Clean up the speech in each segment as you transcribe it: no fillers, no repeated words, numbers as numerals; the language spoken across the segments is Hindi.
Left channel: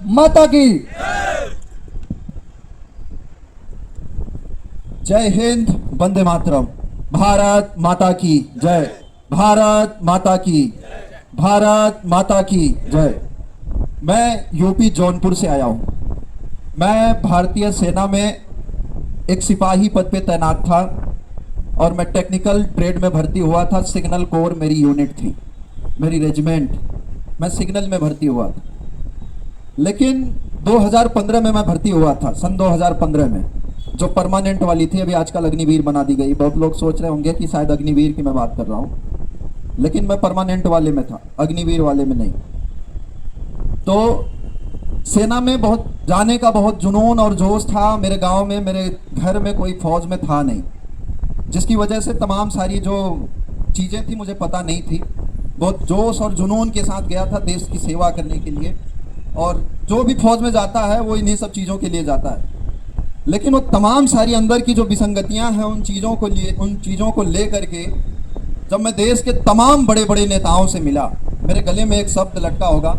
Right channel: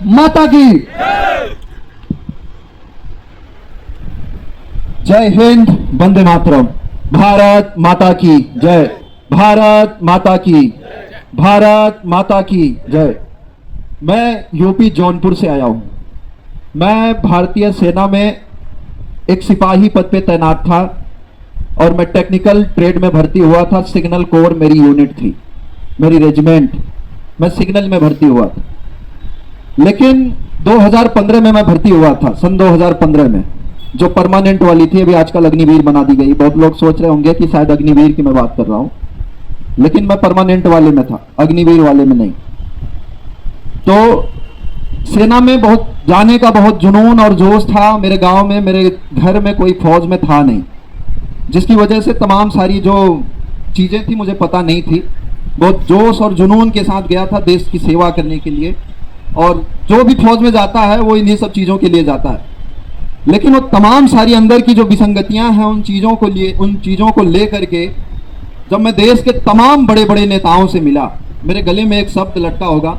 माता की जय हिंद, वंदे मातरम। भारत माता की जय, भारत माता की, भारत माता की जय। मैं यूपी जौनपुर से आया हूं। मैं भारतीय सेना में एक सिपाही पद पे तैनात था और मैं टेक्निकल ट्रेड में भर्ती हुआ था। सिग्नल कोर मेरी यूनिट थी, मेरी रेजिमेंट। मैं सिग्नल में भर्ती हुआ था, लेकिन 2015 में मैं भर्ती हुआ था, सन 2015 में, जो परमानेंट वाली थी। अभी आजकल अग्निवीर बना दी गई। बहुत लोग सोच रहे होंगे कि शायद अग्निवीर की मैं बात कर रहा हूं, लेकिन मैं परमानेंट वाले में था, अग्निवीर वाले में नहीं। तो सेना में बहुत जाने का बहुत जुनून और जोश था। मेरे गांव में, मेरे घर में कोई फौज में था नहीं, जिसकी वजह से तमाम सारी जो चीजें थी मुझे पता नहीं थी। बहुत जोश और जुनून के साथ गया था देश की सेवा करने के लिए। और जो भी फौज में जाता है वो इन्हीं सब चीजों के लिए जाता है, लेकिन वो तमाम सारी अंदर की जो विसंगतियां हैं उन चीजों को लेकर के जब मैं देश के तमाम बड़े बड़े नेताओं से मिला, मेरे गले में एक शब्द लटका होगा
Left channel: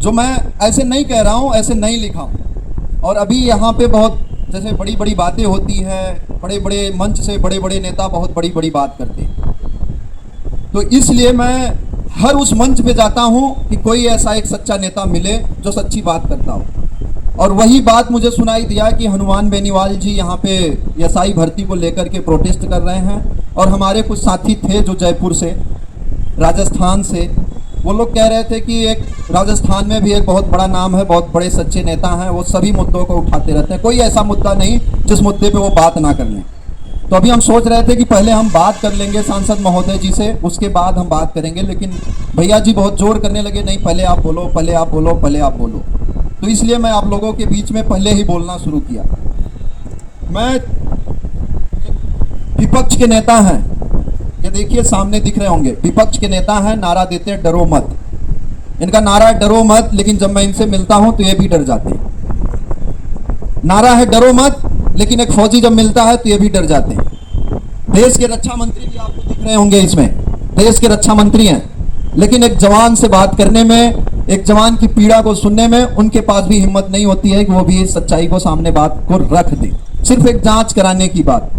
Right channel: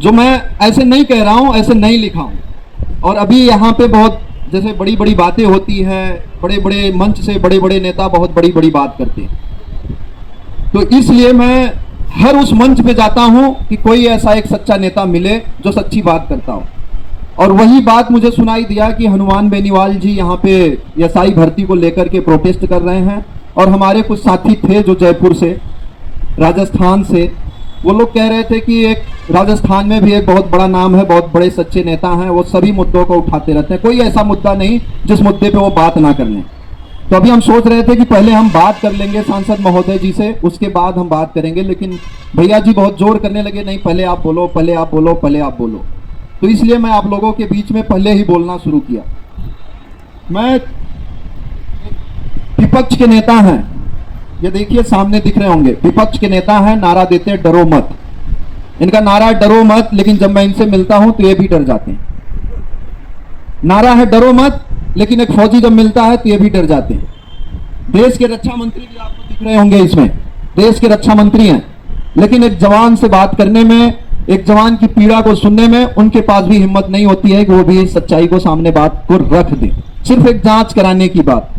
जो मैं ऐसे नहीं कह रहा हूं, ऐसे नहीं लिखा हूं। और अभी यहाँ पे बहुत जैसे बड़ी बड़ी बातें होती हैं, बड़े बड़े मंच से बड़े बड़े नेता बहुत बड़ी बड़ी बात करते हैं, तो इसलिए मैं हर उस मंच पे जाता हूं कि कोई ऐसा एक सच्चा नेता मिले जो सच्ची बात करता हो। और वही बात मुझे सुनाई दिया कि हनुमान बेनीवाल जी यहाँ पे एसआई भर्ती को लेकर के प्रोटेस्ट कर रहे हैं। और हमारे कुछ साथी थे जो जयपुर से, राजस्थान से, वो लोग कह रहे थे कि एक राजस्थान में भी एक बहुत बड़ा नाम है, बहुत बड़े सच्चे नेता हैं, वो सभी मुद्दों को उठाते रहते हैं, कोई ऐसा मुद्दा नहीं जिस मुद्दे पे वो बात ना कर लें। तो अभी हम सोच रहे थे कि पहले हम बात कर लेंगे सांसद महोदय जी से, उसके बाद हम बात करेंगे, लेकिन भैया जी बहुत जोर करने लगे, नहीं पहले आप बोलो, पहले आप बोलो, पहले आप बोलो। तो इसलिए मैं आप लोगों के बीच में पहले ही बोलना शुरू किया। मैं विपक्ष के नेता हैं, ये देखिए सामने दिख रहे होंगे, विपक्ष के नेता हैं, नारा देते हैं डरो मत। इनका नारा डरो मत, लेकिन जब मैं इनसे मिलता हूं तो ये भी डर जाते हैं। नारा है डरो मत, लेकिन एक फौजी जब मिलता है तो ये भी डर जाते हैं। देश के रक्षा मंत्री भी आपको दिख रहे होंगे इसमें, देश के रक्षा मंत्री हैं, लेकिन एक जवान से बात करने में, एक जवान की पीड़ा को सुनने में उनके पास भी हिम्मत नहीं होती है कि वो भी इस सच्चाई को सामने बात को रख दे, सिर्फ एक जांच कराने की बात।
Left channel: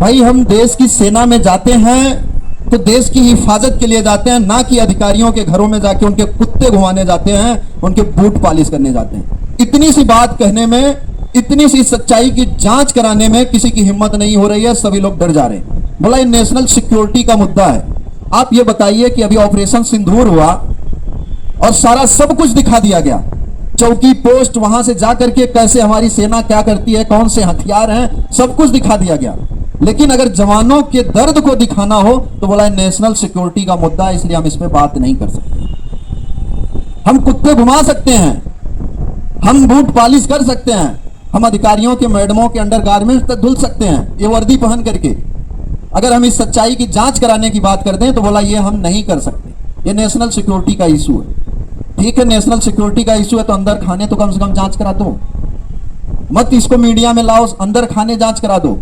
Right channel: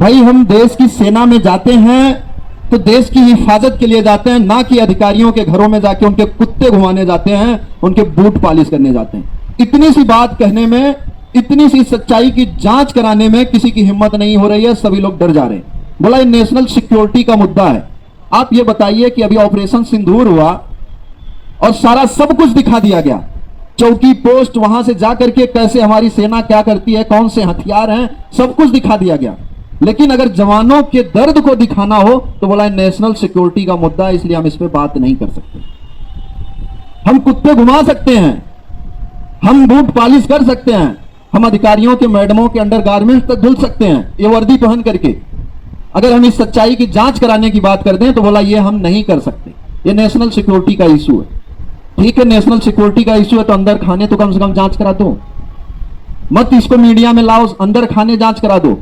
भाई हम देश की सेना में जाते हैं तो देश की हिफाजत के लिए जाते हैं, ना कि अधिकारियों के घरों में जाके उनके कुत्ते घुमाने जाते हैं, उनके बूट पॉलिश करने जाते हैं। इतनी सी बात कहने में, इतनी सी सच्चाई की जांच कराने में किसी की हिम्मत नहीं हो रही है, सभी लोग डर जा रहे हैं। बोला ये नेशनल सिक्योरिटी का मुद्दा है। आप ये बताइए कि अभी ऑपरेशन सिंदूर हुआ और सारा सब कुछ दिखा दिया गया, चौकी पोस्ट, वहां से जाकर के कैसे हमारी सेना क्या करती है, कौन से हथियार हैं, सब कुछ दिखा दिया गया। लेकिन अगर जवानों के दर्द को दिखाना हो तो बोला नेशनल सिक्योरिटी का मुद्दा है, इसलिए हम इस पे बात नहीं कर सकते। हम कुत्ते घुमा सकते हैं, हम बूट पॉलिश कर सकते हैं, हम अधिकारियों के, मैडमों के अंडरगारमेंट तक धुल सकते हैं ये वर्दी पहन करके। अगर हम इस सच्चाई की जांच कराने की बात कर दें तो बोला ये हम नहीं कर सकते, ये नेशनल सिक्योरिटी का इशू है। ठीक है, नेशनल सिक्योरिटी का इशू है तो अंदर खाने तो कम से कम जांच करा दो, मत इसको मीडिया में लाओ, अंदर खाने जांच करा दो।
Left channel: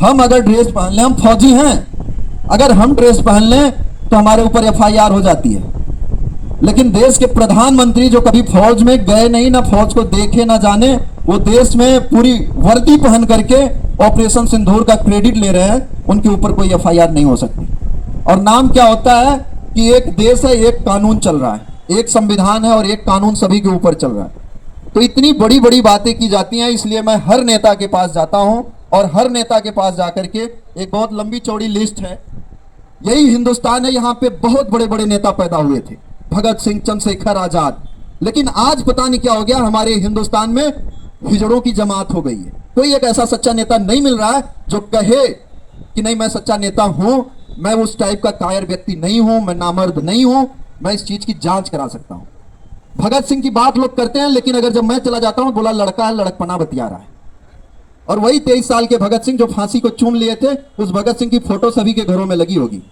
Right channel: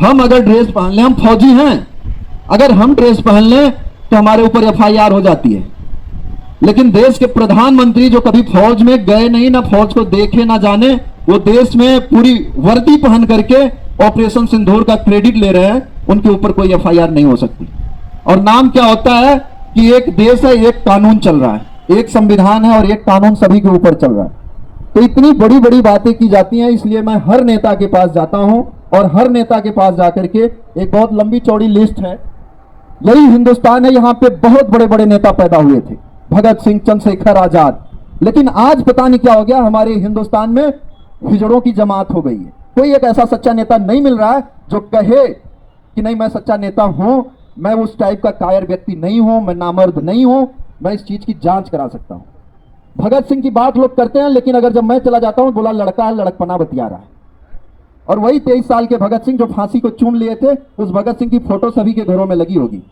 हम अगर ड्रेस पहन लें, हम फौजी हैं, अगर हम ड्रेस पहन लें तो हमारे ऊपर एफआईआर हो जाती है। लेकिन देश के प्रधानमंत्री जो कभी फौज में गए नहीं, ना फौज को देखे ना जाने, वो देश में पूरी वर्दी पहन करके ऑपरेशन सिंदूर का क्रेडिट ले रहे हैं, उनके ऊपर कोई एफआईआर नहीं हो सकती। और नाम क्या होता है कि एक देश है, एक कानून चल रहा है, एक संविधान है और एक कानून सभी के ऊपर चल रहा है। तो इतनी बड़ी बड़ी बातें की जाती हैं, इसलिए मैं हर नेता के पास जाता हूं और हर नेता के पास जाकर के, एक बहुत लंबी चौड़ी लिस्ट है, यही हिंदुस्तान है, यहाँ पे बहुत बड़े बड़े नेता पैदा हुए थे, भगत सिंह, चंद्रशेखर आजाद। लेकिन आज पता नहीं क्या हो गया, हमारे हिंदुस्तान में हिजड़ों की जमात हो गई है। कोई एक ऐसा सच्चा नेता नहीं मिल रहा है जो कहे कि नहीं मैं सच्चा नेता हूं, मैं उस टाइप का कायर व्यक्ति नहीं हूं, मैं नामर्द नहीं हूं, मैं इस चीज की जांच करा सकता हूं। भगत सिंह की बात लोग करते हैं, लेकिन अगर जब मैं चला जाता हूं बोला लड़का है, लड़कपना बतिया रहा है। और वही 23 साल के भगत सिंह जो फांसी को चूम लिए थे, उस भगत सिंह की फोटो सभी के घरों में लगी होगी।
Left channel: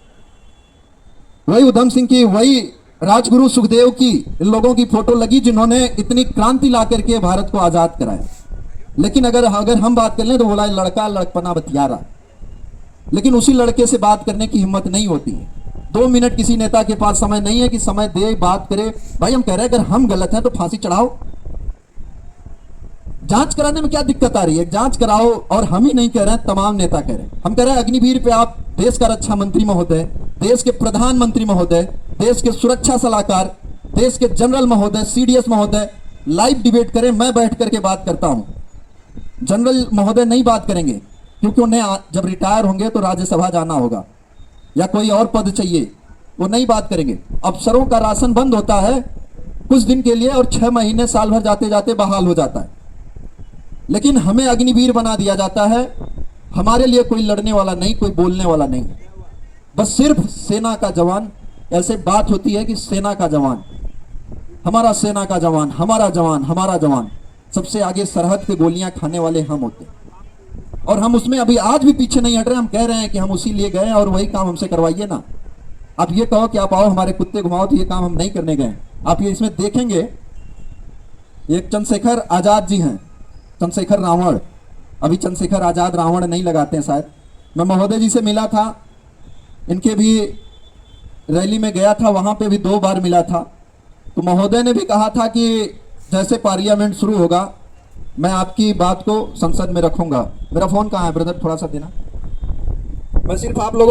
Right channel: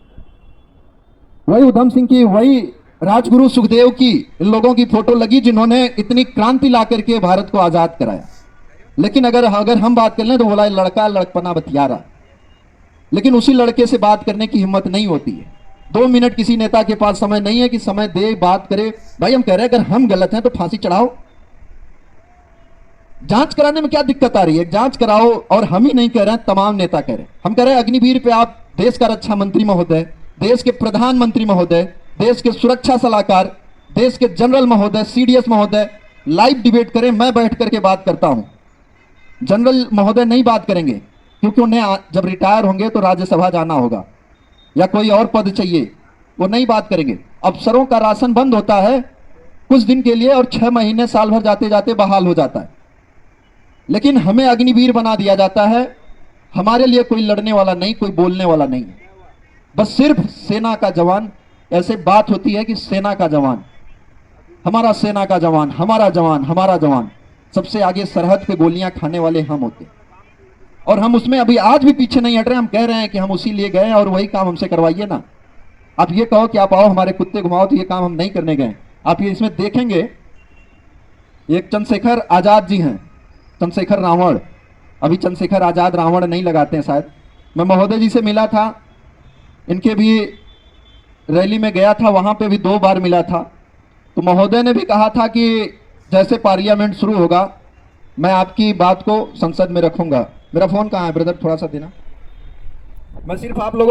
वही उधम सिंह की, वही राजगुरु सुखदेव की, इन लोगों की फोटो लगी जिन्होंने इतनी क्रांति ला करके भारत को आजाद कराया। लेकिन अगर हम बात कर लें तो बोला लड़का लड़कपना बतिया रहा, लेकिन उसी लड़के से बात करने की हिम्मत नहीं होती है। 2 मिनट किसी नेता के पास समय नहीं है कि समय दे, बात करे। भाई हम कह रहे हैं अगर हम गलत हैं तो फांसी चढ़ाओ, जांच कराने में क्या दिक्कत आ रही है? जांच कराओ। और हम ही नहीं कह रहे हैं, तमाम नेता कह रहे हैं। हम कह रहे हैं अग्निवीर पे आप देश का रक्षा मंत्री महोदय, देश के प्रधानमंत्री महोदय, देश के सुरक्षा सलाहकार, देश के जनरल महोदय, सीडीएस महोदय लाइव डिबेट करें। मैं बैठ करके बात करता हूं। जनरल महोदय नहीं बात करेंगे क्योंकि उन्हें जब रिटायर होंगे तो राज्यसभा जाना होगा या कोई और पद चाहिए, वो नहीं बात करेंगे। अफसरों का राशन बंद होता है कुछ दिन के लिए और 6 महीने साल भर जाते जाते बहाल हो जाता है, लेकिन हमें अग्निवीर बना दिया जाता है। हमारे लिए कोई लड़ने वाला नहीं, कोई बोलने वाला नहीं, बस सिर्फ सेना का जवान। ऐसे बात होती है कि सेना का जवान, हमारा सेना का जवान, हमारा जवान, हमारा जवान, सबसे आगे सरहद पे गोलियां खाने वाले हम होते हैं। और हम उसमें अभी आज भी पीछे नहीं हट रहे। हम कह रहे हैं कि हम उसी लिए गए और वही काम हमसे करवाइए ना। आप ये कहो कि आप आओ हमारे कुत्ते घुमाओ, तो ये काम हम नहीं करने गए। आप ये इसमें देखेंगे, एक चंद्रशेखर आजाद जी हैं, चंद्रशेखर रावण। अभी चंद्रशेखर आजाद रावण नहीं लगाते हैं शायद। मैं महोदय जी से मिला था, इनके भी रैली में गया था, वहां पे भी 2 बार मिला था। तो महोदय ने भी कहा था कि जैसे पार्लियामेंट शुरू होगा मैं आपकी बात को संसद में रखूंगा। मेरा फोन कहाँ है ब्रदर, थोड़ा सा देना। मैं सिर्फ आप लोगों